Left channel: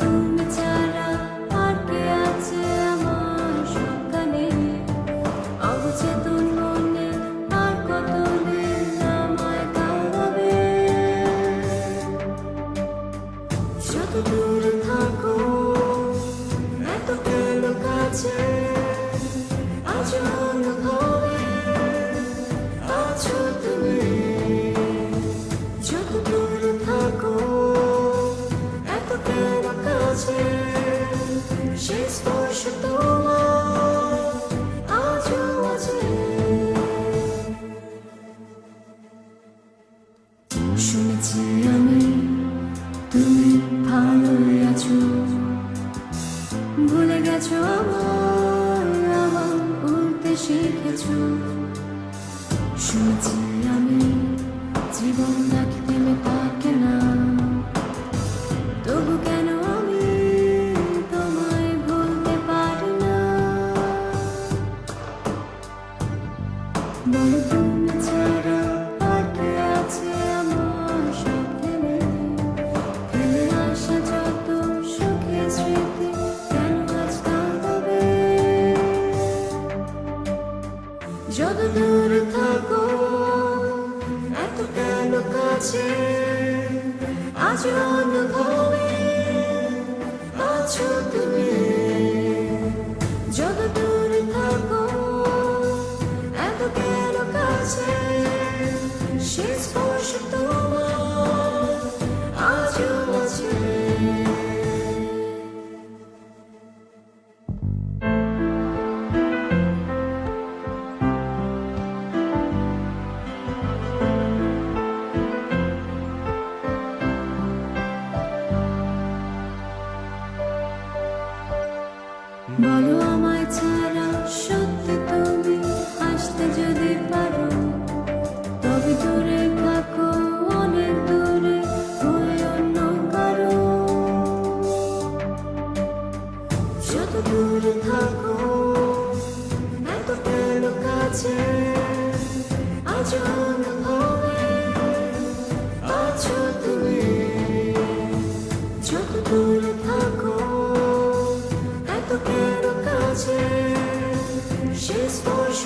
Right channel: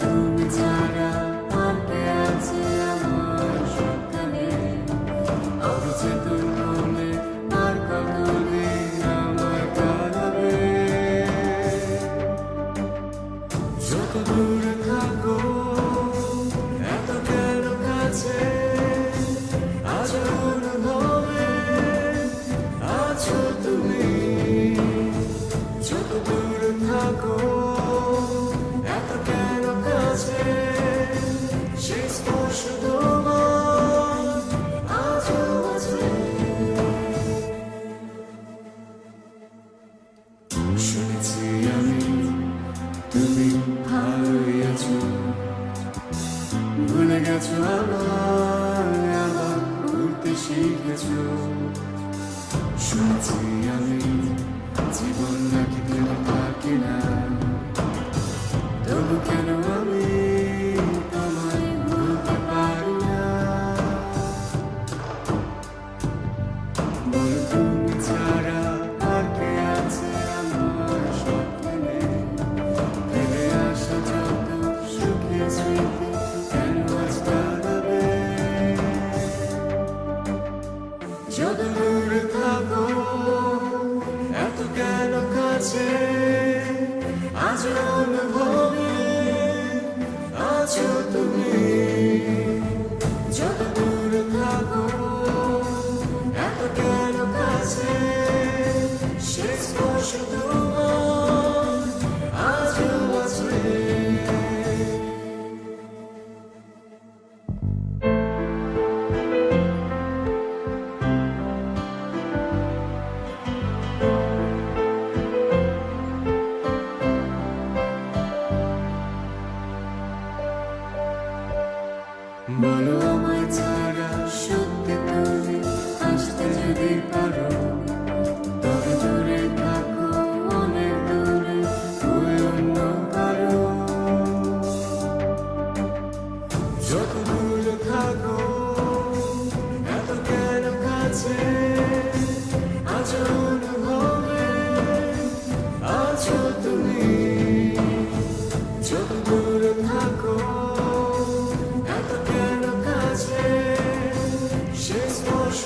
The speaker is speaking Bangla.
তুমি ছাড়া আর কে আছে আমার সবখানে, অবচেতন মনে আর কতদিন আমায় কাঁদাবে। যত দূরে থাকো এত কেন কাছে, আজ অনুভবে আছো তুমি। যত দূরে থাকো এত কেন কাছে, সেই স্পর্শ তোমার আজও আছে। শুনেছি আমি তুমি ভালোই আছো, ভুলে গেছো আমার উঠতে শিখেছো। শুনেছি আমি জীবন নাকি থেমে থাকে না, তবু কেন আমি তোমায় ভুলতে পারি না। বলো তুমি ছাড়া আর কে আছে আমার সবখানে, ফেলে আসা যত সুখের স্মৃতি কেন আজ কাঁদাবে। যত দূরে থাকো এত কেন কাছে, আজ অনুভবে আছো তুমি। যত দূরে থাকো এত কেন কাছে, সে স্পর্শ তোমার আজও আছে। বলো আমায় ছাড়া সত্যি তুমি আসতে যদি পারো, তবে দূরে থাকো অনেক দূরে হয়ে অন্য কারো। যত দূরে থাকো এত কেন কাছে, আজ অনুভবে আছো তুমি। যত দূরে থাকো এত কেন কাছে, সে স্পর্শ